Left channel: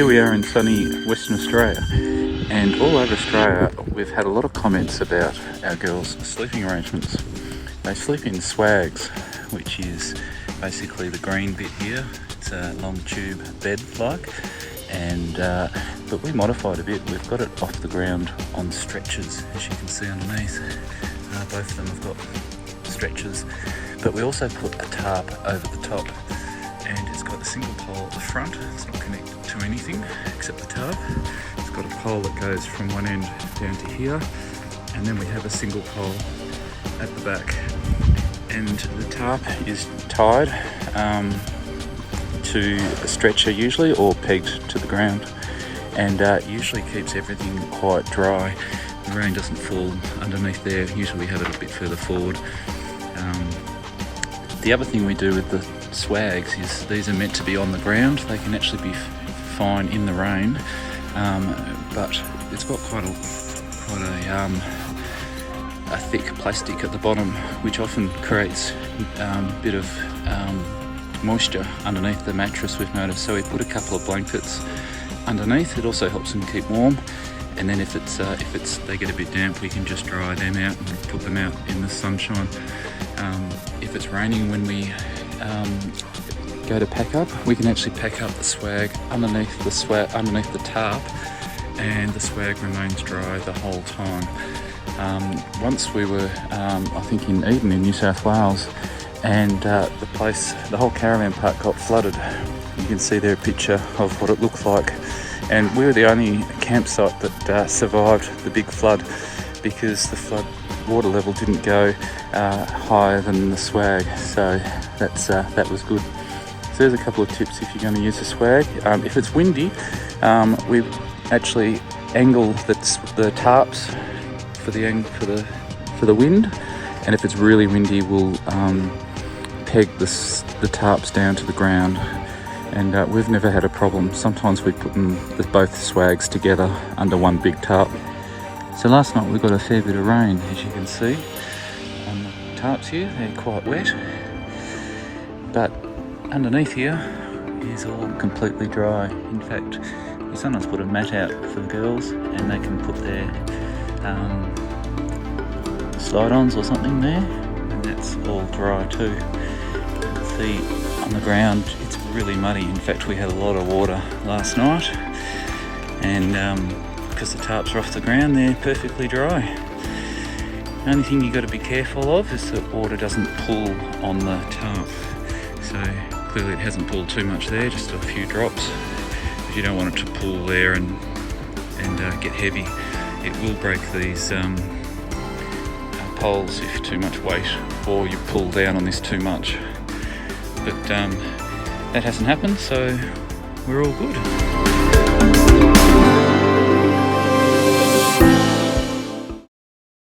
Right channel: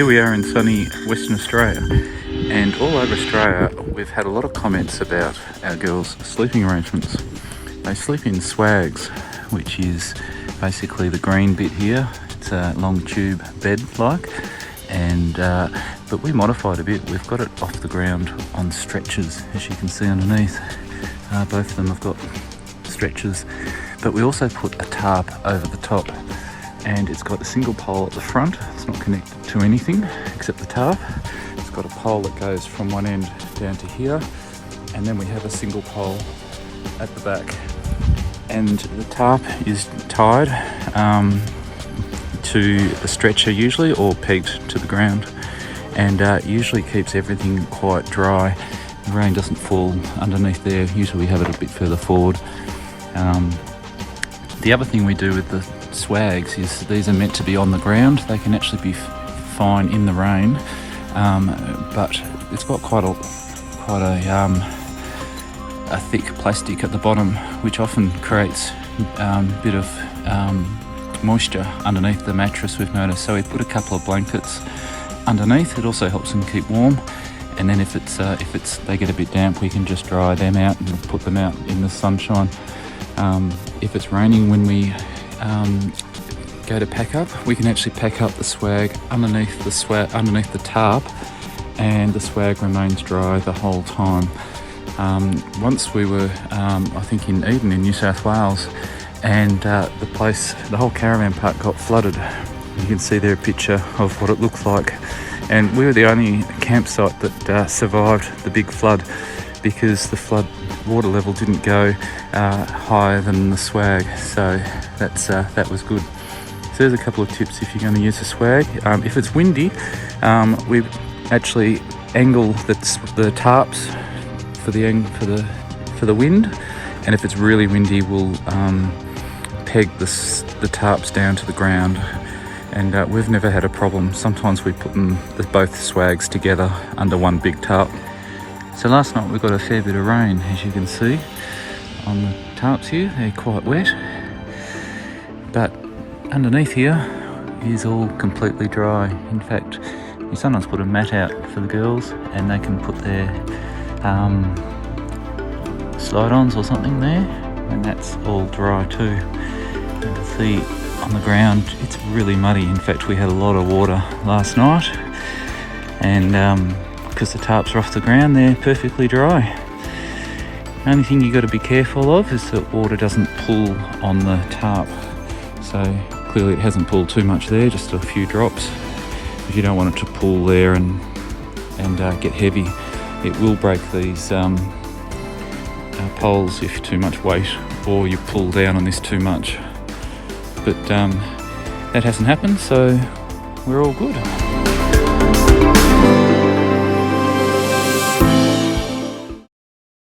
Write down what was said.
here we are in sunny Western Australia, and all over Australia we've had a lot of comments about our girls' sleeping arrangements. They sleep in swags, which is basically the green bit here. It's a long tube bed like, and but we modified a bit. We've got it off the ground on stretchers, as you can see underneath. Both of them have got stretchers, but we also put a tarp over the top, and it's got a single pole at the front. It's not connected to anything except the tarp. It's got a pole that goes from one end down to here, and then we have a single pole at the back. And the tarp is tied to a stretcher usually, or pegged to the ground, and usually keeps everything quite dry. The rain doesn't fall underneath there. Usually we have it a bit further forward. The other thing we do with the swags is these are meant to be on the ground. They can actually be fine in the rain, but it's got quite a thick plastic at the bottom, which often creates a bit of moisture underneath the mattress, we've noticed. So we put a couple of blankets underneath. It also helps them keep warm. And then if they get a bit damp, we can just dry them out and put them out in the sunshine. If it's raining when we go to pack up, we can actually pack up the swag underneath the tarp, and the swag remains dry the whole time. Once we were, I think in Eden in New South Wales, and the whole caravan park got flooded. You can see there a picture of what it looks like. And we were the only campsite that survived the big flood, because the flood water level didn't go higher than the swag. So that was good. So there's a couple of tips if you're going to use the swag. If it's windy, we've actually angled the tarps for the wind, and if it's really windy, we'll peg the tarps down to the ground. And we've never had a problem. Sometimes we put both swags together under one big tarp. So last night we got a fair bit of rain, as you can see on the tarps here. They're quite wet, but underneath here is all completely dry. In fact, my son's put a mat out for the girls, and they can put their slide-ons or something there, and that's all dry too. You can see on the ground it's really muddy. In fact, we had a lot of water last night, and because the tarps are off the ground, they're perfectly dry. The only thing you've got to be careful of is that water doesn't pool on the tarp. So clearly it hasn't pooled too much there, just a few drops. If you don't want it to pool there and get heavy, it will break these poles if too much weight, or you pull down on this too much. But that hasn't happened, so we're all good.